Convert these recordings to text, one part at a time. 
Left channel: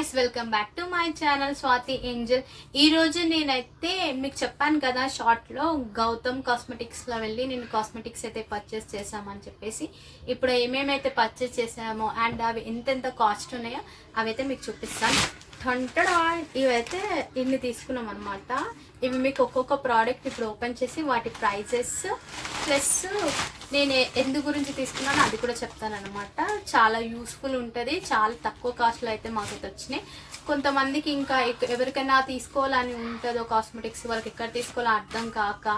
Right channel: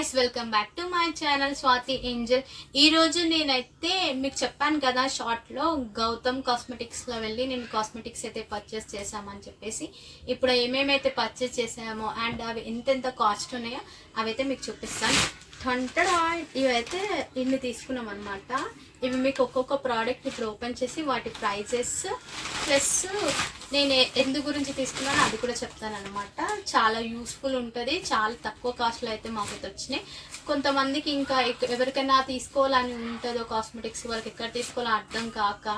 Guys, welcome back to my channel Swathi Angel. ఈరోజు నేనైతే మీకు చెప్పాను కదా షార్ట్లో గౌతమ్ కాస్మెటిక్స్లో వెళ్ళి నేను కాస్మెటిక్స్ అయితే పర్చేస్ చేసామని చెప్పేసి. ఇప్పుడు ఏమేమైతే పర్చేస్ చేసామో అండ్ అవి ఎంతెంత కాస్ట్ ఉన్నాయో అవైతే మీకు చూపిస్తాను. ఇవైతే ఇన్ని తీసుకున్నాం అనమాట. ఇవి మీకు ఒక్కొక్క ప్రోడక్ట్ ఇప్పుడు ఓపెన్ చేసి వాటి ప్రైజెస్ ప్లస్ నేను ఎందు గురించి తీసుకున్నానో అది కూడా చెప్తాను అనమాట. చాలా యూస్ఫుల్ ఉంటుంది. చాలా తక్కువ కాస్ట్లో అయితే మాకు వచ్చినాయి. కొంతమందికి ఇంకా ఎవరికైనా తీసుకోవాలని ఉంటుందో కాస్మెటిక్స్, వాళ్ళకి ఎక్కడ తీసుకోవాలో అర్థం కాక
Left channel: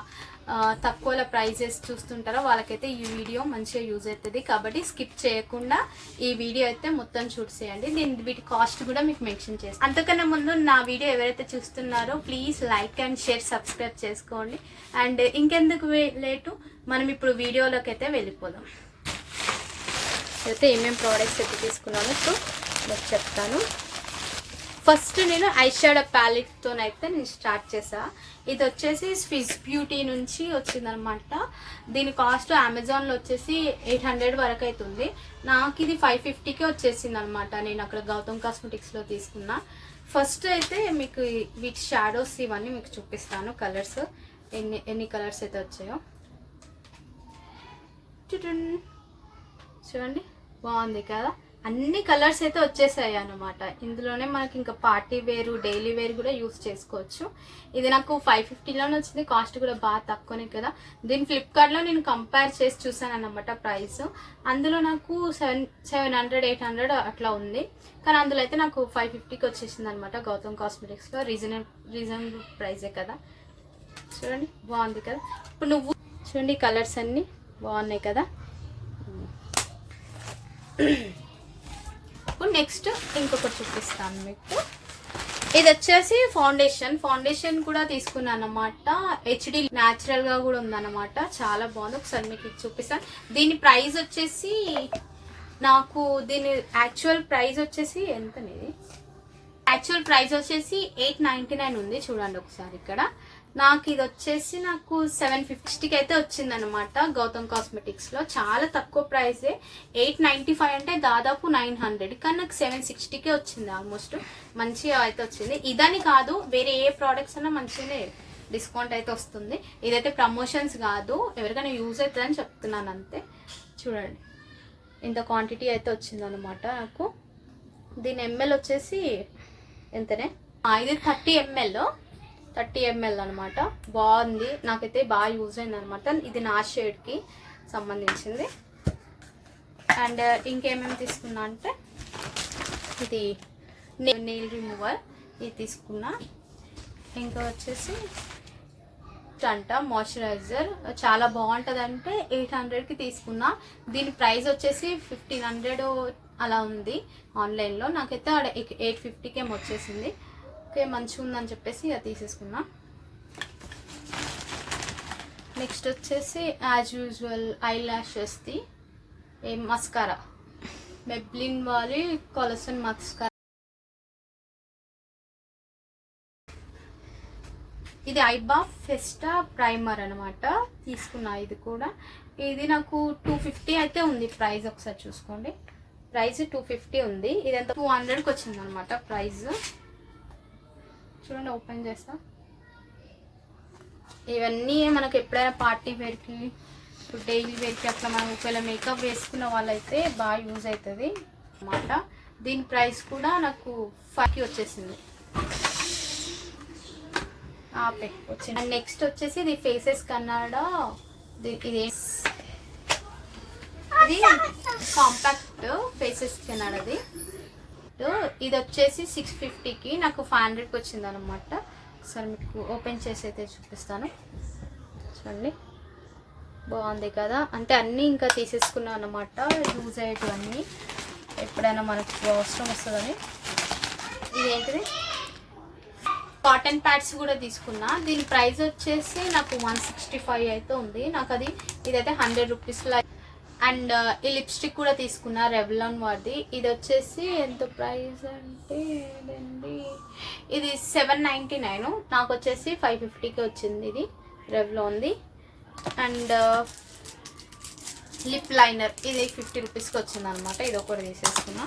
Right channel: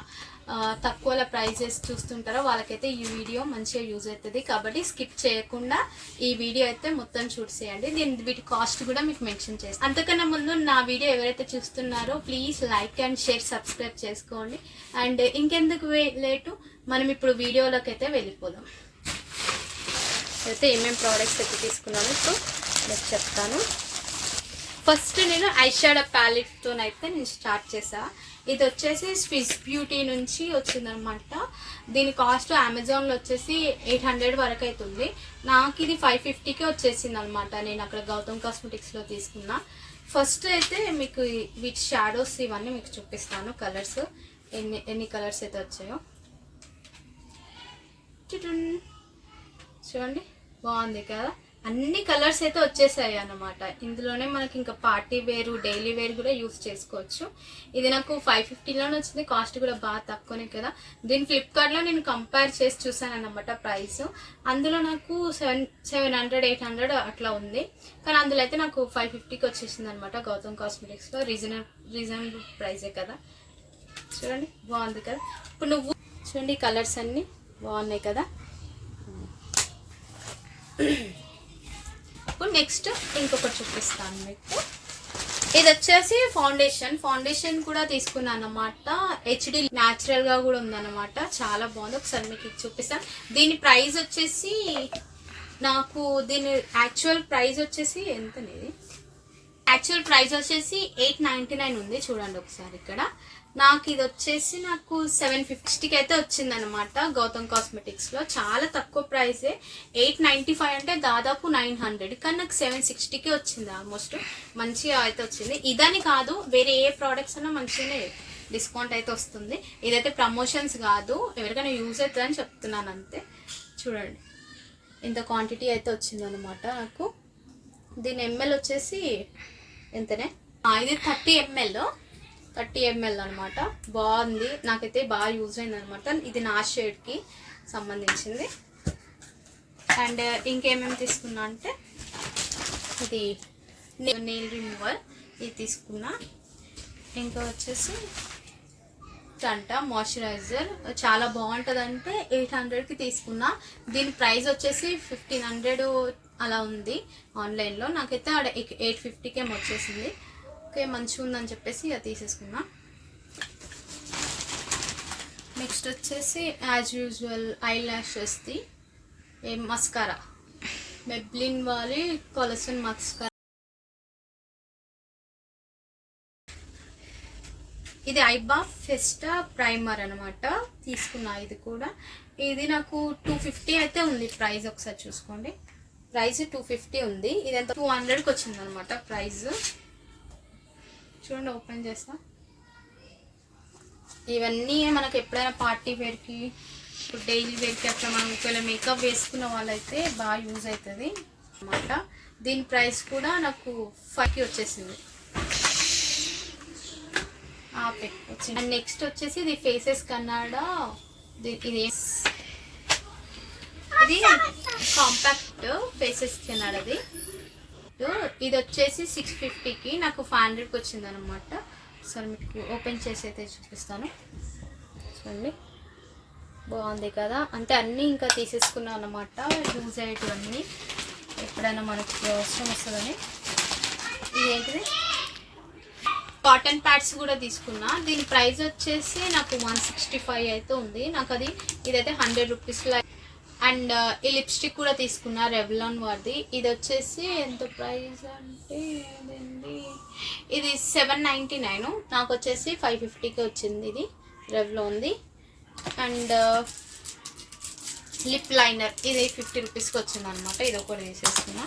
తక్కువ ప్రైజెస్ చూస్తుంటారో వాళ్ళకైతే ఈ వీడియో మంచిగా యూజ్ అవుతుంది. కాబట్టి స్కిప్ చేయకుండా ఈ వీడియో అయితే మొత్తం చూసేయండి. నేను వీటి కాస్ట్ కూడా మీకు మెన్షన్ చేస్తాను. అంతకన్నా ముందు నా వీడియో ఎవరైతే చూస్తున్నారో please like and share, subscribe చేసుకోండి. అండ్ ఇంకెందుకు లేటు, మనం ఇప్పుడు వీడియోలోకి అయితే వెళ్ళిపోదాం. అయితే ఏమేమి ప్రోడక్ట్స్ అయితే తీసుకున్నాను ఇప్పుడు మీకు చెప్తాను. ఫస్ట్ నేను ఐ షాడో ప్యాలెట్తోనైతే నేను స్టార్ట్ చేసా. ఇది వచ్చేసి స్విస్ బ్యూటీ నుంచి వచ్చిందనమాట. దీని కాస్ట్ అమెజాన్లో వచ్చేసి 800 వరకు అవుతుంది. నాకు ఇది 550కే వచ్చేసింది అనమాట. నేను అక్కడ గౌతమ్ కాస్మెటిక్స్లో తీసుకున్నా. ఫస్ట్ అయితే మీకు వీటి షాడోస్ ఇవన్నీ మీకు చూపిస్తాను. కలర్స్ ఎన్ని కలర్స్ అయితే వచ్చాయో చూడండి, బాగుంది కదా. అన్ని కలర్స్ అయితే వచ్చేసాయి అన్నమాట. ఇందులోనే మనకి ఇంకా పార్టీ వేరు, డైలీ వేర్ కూడా యూస్ చేసుకోవచ్చు. ఇది నాకు 550లోనే వచ్చింది. కాస్ట్ కూడా బాగా తక్కువనే కదా. దీని ఫ్లిప్కార్ట్లో నేను కంపేర్ చేసి చూసాను అన్నమాట ప్రైస్. అందులో నాకు 700 800 అట్లా ఉంది. కానీ అందులో అయితే నాకు 550కి వచ్చేసింది అనమాట. గౌతమ్ కాస్మెటిక్స్లో రీజనబుల్ ప్రైజే కదా. చూడండి, బాగుంది కదా. ఇప్పుడు నువ్వు చూడండి, కలర్స్ అన్నీ బాగున్నాయి కదా. నెక్స్ట్ ఇంకొకటి చూపిస్తాను మీకు. ఇది వచ్చేసి ఫౌండేషన్ కూడా తీసుకున్నాను అనమాట. హెచ్డి న్యాచురల్ గా కూడా ఉందన్నమాట. చాలా బాగుంది. ఒకసారి మీకు ఇది చూపిస్తాను. దీని ప్రైస్ వచ్చేసి నాకు దీని యాక్చువల్ ప్రైస్ వచ్చేసి ఎంతనేది, యాక్చువల్ ప్రైస్ వచ్చేసి 899 ఉంది. చూడండి ఒకసారి ఇక్కడ. నాకు ఇది వచ్చేసి నాకు 750కి అయితే వచ్చింది అనమాట గౌతమ్ కాస్మెటిక్స్లో. చాలా తక్కువ ప్రైసే. 895 అంటే దాదాపు 900, కానీ నాకు 760కే వచ్చింది. ఆల్మోస్ట్ మంచిగా అయితే వచ్చింది. ఇదని కాదు, వేరే ఏ ప్రోడక్ట్స్ అన్నా మంచిగానే డిస్కౌంట్ అయితే వస్తుంది. ఇదైతే ప్రమోషన్స్ కాదు, ఎవరికైనా యూజ్ అవుతుందని చెప్తున్నాను అంతే. చూడండి, ఇంత క్వాంటిటీ అయితే వచ్చింది అనమాట నాకు. దీని ఎంఎల్ వచ్చేసి ఎంతనే, ఇది 30 ml అనమాట. బాగుంది, నాకైతే బాగా యూజ్ అయింది అనమాట. ఇది నా షేడ్కి సంబంధించింది. అండ్ ఇంకేమేమి తీసుకున్నా అంటే ఇది నెయిల్ రిమూవర్, ఇది తీసుకున్నా. ఇంకా వచ్చేసి మాయిశ్చరైజర్ చాలా బాగుంటుంది. అంటే 800కి తీసుకున్నా. దీని ప్రైస్ వచ్చేసి 1500 అలా ఉంది ఆన్లైన్లో. నాకైతే ఆడ 850కి వచ్చేసింది. ఓకే, మంచిగా ఉందని చెప్పేసి అది తీసేసుకున్నా. నెక్స్ట్ వచ్చేసి యాజ్ యూజువల్ ఐ ల్యాషెస్ది మస్కారా, మెబ్లిన్ వారి కొలసన్ మస్కారా. ఇది ఐబా ఫెస్టా ప్రైమర్ అనమాట. తీసుకున్నా ఇది కూడా. ఇది నాకు 250 అయితే ఉంది ప్రైస్. ఒకసారి చూసుకోండి, ప్రైస్ 250 ఉంది. ఇదంతా 200కి వచ్చింది అనమాట ప్రైస్. చూడండి, ఓపెన్ చేస్తా. ఇవన్నీ మనకు ఎప్పుడైనా పార్టీ వేర్కి, డైలీ వేర్కి అట్లా మనం ఒకవేళ మేకప్ వేసుకున్న వాళ్ళైతే బాగా యూజ్ అవుతుంది అనమాట. దీని ప్రైస్ కూడా నాకు 5కి వచ్చేసింది. వచ్చింది. అండ్ నెక్స్ట్ వచ్చేసి ఇది ఫేసెస్ కన్నాడా. ఇది కాంపాక్ట్ ఫేసెస్ కన్నాడది. ఇది వచ్చేసి 650కి నాకు 500కి వచ్చింది అనమాట. ఒకసారి మీకు ఓపెన్ చేసి అయితే చూపిస్తాను. చూడండి, బాగుంది కదా. అంటే అన్నీ ఇంకా తీసేసుకున్నాను అనమాట. యూజ్ అయ్యేటివన్నీ ఎప్పుడైనా మనకి అవసరం వస్తుందని. ఇదేంటిది, కాటన్ ప్యాడ్స్ కూడా తీసుకున్నా. దీని ప్రైస్ వచ్చేసి నాకు 165 అయితే ఉంది. నాకు అది ఇదైతే 100 రూపీస్లో. అండ్ ఈ లిప్స్టిక్ కూడా తీసుకున్నా రెవ్లాన్ వారిది. ఇది వచ్చేసి ఎంత ప్రైస్ అంటే ఇది 799, నాకు వచ్చేసి 550కి వచ్చింది. ఇది రెవ్లాన్ది. అండ్ లిప్ లైనర్ ఇది 50 రూపీస్కి వచ్చింది అనమాట. ఇది ఒకటి తీసేసుకున్నా.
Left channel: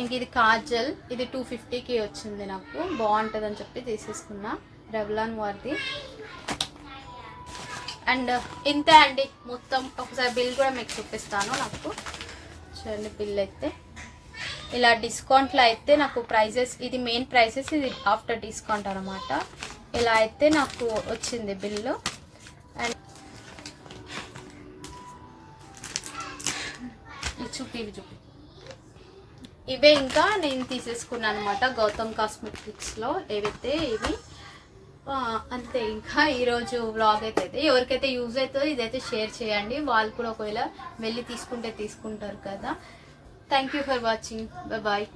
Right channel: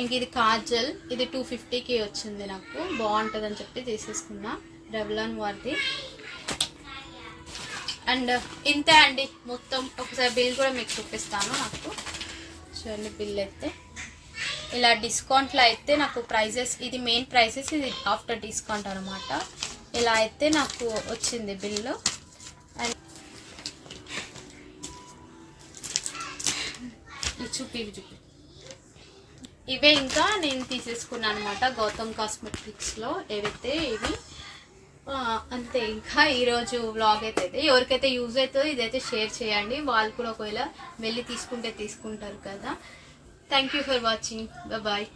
ఇంక ఇది కాజల్, ఇది 250కి వచ్చింది, నాకు బాగుంటుంది అని చెప్పి తీసేసుకున్నా, రెవ్లాన్ వారిది. అండ్ ఇంతే అండి మొత్తం. ఒకసారి బిల్ కూడా మీకు చూపిస్తాను. నాకు చూడండి బిల్ అయితే ఇలా డిస్కౌంట్లో అయితే నాకు ప్రైజెస్, ఇది మెయిన్ ప్రైజెస్, ఇది ఆఫ్టర్ డిస్కౌంట్ అనమాట. ఇలా అయితే నాకు వచ్చింది బిల్లు. అండ్ చూపి ఇవే ఇంకా నేను తీసేసుకున్నాను అనమాట గౌతమ్ కాస్మెటిక్స్లో ఏవైతే ఇవి. అంతే. ఇంకా ఈరోజు వ్లాగ్ అయితే ఎవరికైతే యూజ్ అవుతుందో ఇదైతే షేర్ చేయండి, వాళ్ళు కూడా ఒకవేళ వెళ్ళి తీసుకుంటే తీసుకుంటారు కదా. Thank you for watching. Bye.